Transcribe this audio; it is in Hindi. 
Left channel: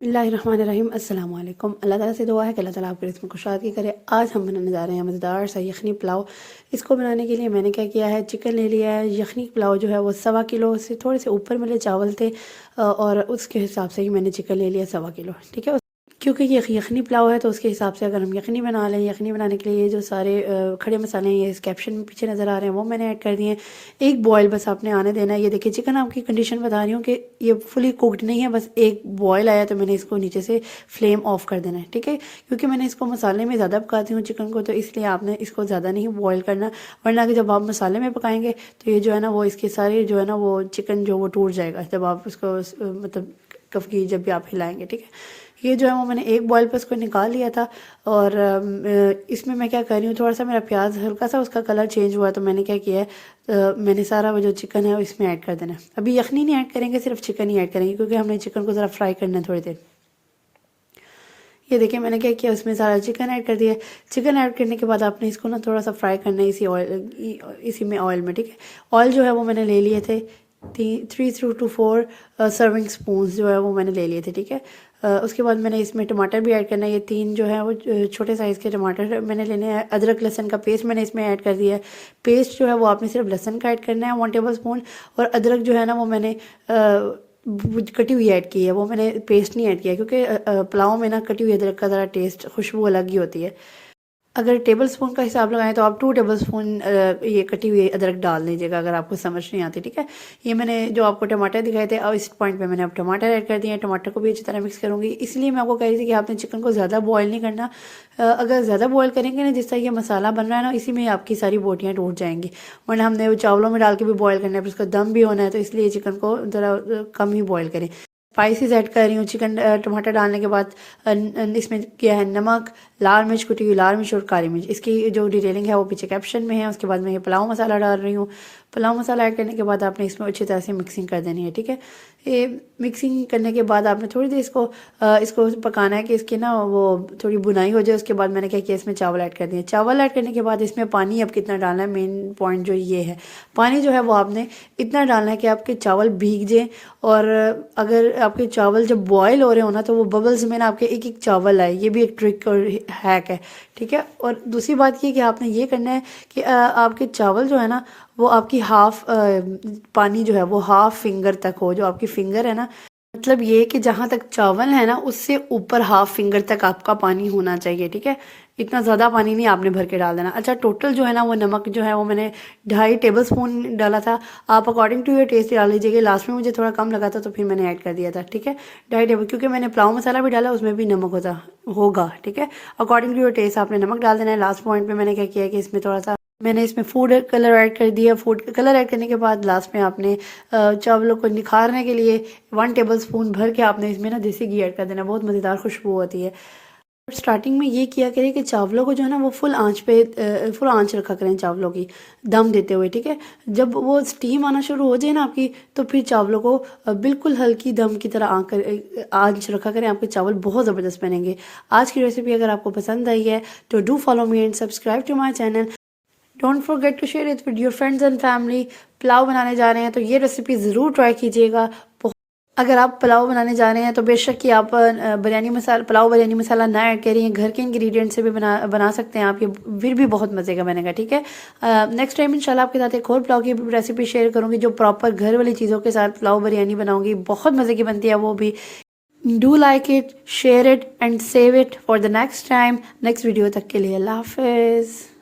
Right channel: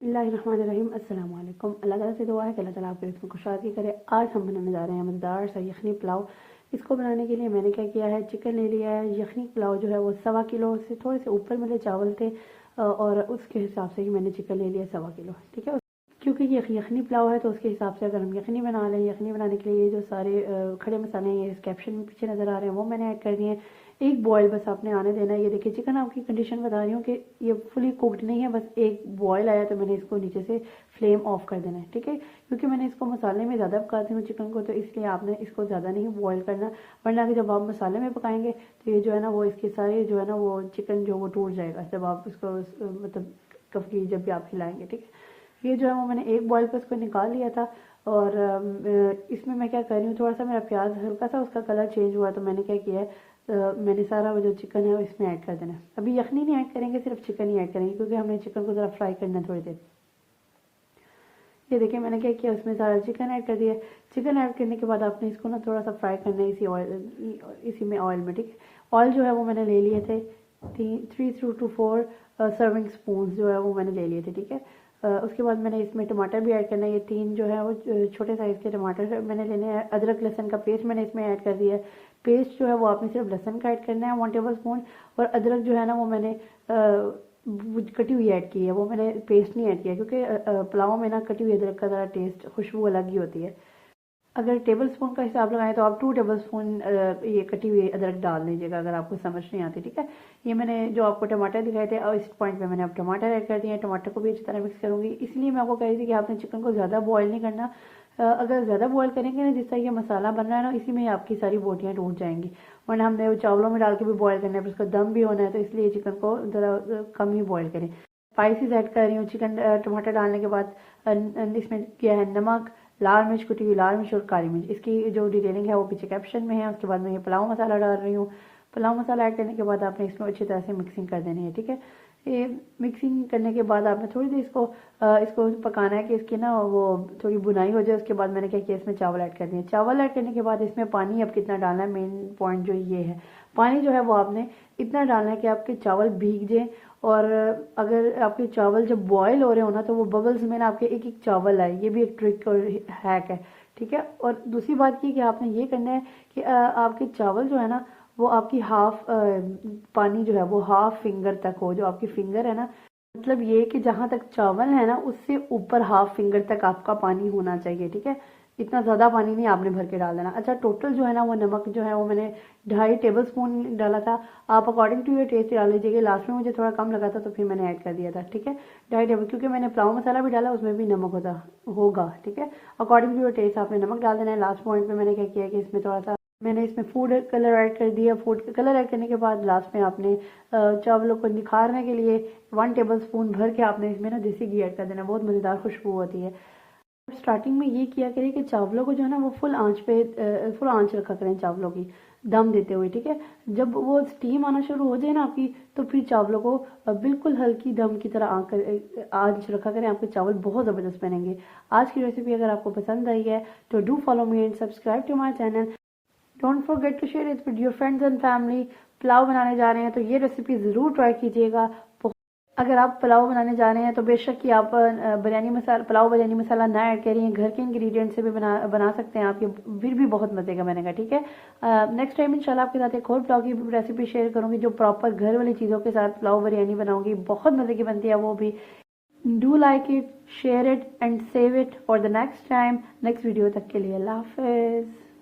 बिस्मिल्लाहिर्रहमानिर्रहीम अस्सलाम वालेकुम। अल्लाह ताला से दुआ है कि अल्लाह ताला आपके रिज़्क़ में कुशादगी करे। आज हम बनाने जा रहे हैं मज़ेदार सा यखनी पुलाव। इसको बनाने के लिए मैंने क्या किया है, चिकन ले लिया है। यखनी पुलाव जो है वो 1.25 किलो से थोड़े से ऊपर मेरे चावल थे और उसके हिसाब से ही मैंने चिकन ले लिया 1.25 किलो, ठीक है। क्योंकि ये यखनी पुलाव है तो उसके हिसाब से अगर हम यखनी बना लें, यखनी बनाने के लिए ये जो सारे खड़े मसाले हैं ये इस कैप्शन में पीछे नज़र आ रहे हैं वो मैंने ऐड कर दिए हैं। एक बॉयल बस आपने आने देना है। ये देखिए चिकन आपकी कंडीशन बता रही हूँ कि ये फुली कुकड नहीं है, बस एक बॉयल आया तो मैंने इसको नीचे से फ्लेम ऑफ कर देना है, ठीक है। क्योंकि मैंने इसको मसाले में ज़्यादा पकाती हूँ चिकन को, तो इसलिए आपने इसको ज़्यादा नहीं बॉयल करना, वरना कि जब आप मसाले में पकाएंगे तो ये जो है ना वो इसके सारे जो है ना वो चिकन जो वो टूट जाएगा जब आप उसको मतलब कभी जब भी आप हिलाएंगे, ठीक है। ये जो है वो मैंने एक बॉयल पे उसको निकाल लिया था और इसमें मैं क्या कर रही हूँ, थोड़ा सा मेरा प्याज हल्का सा उसका कलर चेंज हुआ तो मैंने क्या किया है, मैंने सारा वो जो चिकन है वो इसमें ऐड कर देना है। अभी यखनी नहीं ऐड करेंगे, सिर्फ चिकन ही ऐड करेंगे क्योंकि हमने चिकन को ज़रा फ्राई करना है थोड़ी देर। ये देखिए मैंने क्या किया, उसमें सारा चिकन ऐड कर दिया। चिकन ऐड करने के बाद आपने इसको ना थोड़ा सा फ्राई करना है इसी में ऑयल में, ठीक है। ऑयल जो है वो मैंने ले लिए थे 3 to 4 सर्विंग स्पून जो है वो मैंने ले लिए थे, ठीक है। उसके बाद मैंने इसमें टमाटर भी ऐड करना है। ये 3 जो है वो छोटे साइज़ के टमाटर मैंने लेने हैं। अदरक लहसुन का पेस्ट मैंने इसमें ऐड कर दिया है। पेस्ट जो है वो आपने सिर्फ लहसुन का ऐड करना है 1 टेबल स्पून, और अदरक जो है ना वो मैंने कटी हुई ऐड की है, वो मैंने पेस्ट नहीं ऐड किया क्योंकि पुलाव में ना कटी हुई अदरक का ज़रा टेस्ट खुशबू अलग ही होती है। अगर टेबल स्पून का हिसाब लगाएं तो आप 2 टेबल स्पून ये कटी हुई अदरक डाल दीजिएगा अगर आपको समझ नहीं आती, ठीक है। ये मैंने जो आपको टमाटर दिखाए थे और इस पॉइंट पे मैंने अब टमाटर ऐड कर दिए हैं। टमाटर को भी अच्छी तरह मिक्स करूँगी, इसलिए मैं आपको कह रही थी कि आपने चिकन को ज़्यादा बॉयल नहीं करना। अगर ज़्यादा बॉयल करेंगे ना, जिस तरह ये मसाला बन रहा है ना, इसी में आपकी सारी बोटियाँ टूट जाएंगी, वरना हमने वो चावलों में डाल के भी बॉयल करना है, फिर उसका दम भी होना है, तो इसलिए चिकन को ज़रा कम ही बॉयल करें। स्पाइसेस ऐड कर रही हूँ चिकन टमाटर डालने के बाद। इसमें किया है नमक, लाल मिर्च, कुटी हुई लाल मिर्च और काली मिर्च। इसकी जो डिटेलिंग है वो पीछे कैप्शन में है। उसके बाद मैं ये पुलाव मसाला डाल रही हूँ। पुलाव मसाला ऐड करने के बाद आपने इसमें अच्छी तरह से मिक्सिंग कर देनी है, ठीक है। ये मिक्सिंग करने के बाद आपने थोड़ी देर इसको पकाना है कि इसकी ना वो थोड़ी बुनाई हो जाए। उसके बाद मैंने क्या किया, इसमें चावल ऐड कर दिए। चावल ऐड करने के बाद इसमें पानी अब कितना डालना है, मेन पॉइंट जो ये है, पानी जो है वो आपने इतना डालना है कि आपके चावल भीग जाएँ। और अगर आपके चावल जब बॉयल हो रहे हो ना तो वो बबल्स में ना आपके एक एक चावल आए, ये भी एक ट्रिक और हैक है, ठीक है। और दूसरी बात ये कि आपने ये करना है कि आपके चावल जो है ना वो आपकी हाफ पानी जो है वो हाफ फिंगर तक हो, जो आपकी फिंगर है ना, मतलब ये कि जहाँ तक चावल है ना उससे ऊपर हाफ फिंगर तक आपका पानी होना चाहिए, ठीक है। इतना ज़्यादा पानी नहीं आपने भर के डाल देना। अच्छा, टोटल जो है ना वो नमक जो है वो मैंने 2.5 टेबल स्पून डाला था। आप अकॉर्डिंग टू योर टेस्ट डाल लीजिएगा। लास्ट में मुझे थोड़ा कम लगा था तो फिर मैंने ऐड कर दिया था, ठीक है। 2.5 टेबल, क्योंकि मैंने पुलाव मसाला भी डाला उसमें भी नमक होगा, ठीक है। अकॉर्डिंग टू योर टेस्ट आपने नमक डाल देना है। लास्ट पॉइंट पे मैंने क्या किया कि इसमें थोड़ा सा मैंने इसमें फूड कलर ऐड कर दिया। फूड कलर ऐड करने के बाद लास्ट में आपने चावलों को निखारने के लिए 1 टेबल स्पून भर के आपने इसमें ना देसी घी ऐड कर देना, बहुत मज़ेदार खुशबू होती है। स्टार्टिंग में ये किया करें कि चावलों को जो है ना वो फुल आंच रखा करें चावलों की दम देते हुए, ठीक है। जब वो स्टीम आना शुरू हो जाए ना आपकी, तो फिर चावलों को बिल्कुल हल्की दम की तरह आंच रखा करें, आपके चावल बहुत ज़बरदस्त बनेंगे। आज की रेसिपी अगर आपको पसंद आई है तो do follow me and subscribe to my channel. Don't forget to share it with your friends and family. Pulao बनाने जा रहे हैं तो ये रेसिपी ज़रूर ट्राई कीजिएगा। अगर आप पुलाव बनाने जा रहे हैं तो बेशक कि आप पुलाव बिरयानी मसाला ना ऐड करिए, घर के इंग्रेडिएंट से भी बना सकते हैं आप, ये फिर भी बहुत मज़े का बनेगा, ठीक है। नेक्स्ट टाइम इंशाल्लाह आपके साथ एक और पुलाव की रेसिपी शेयर करूँगी जो प्रॉपर घर वाली चीज़ों के साथ पुलाव बिरयानी बनाऊँगी, बहुत मज़े की बनती है वो भी। Do like it, share it and save it for the next time. Next video तक के लिए अल्लाह हाफिज़।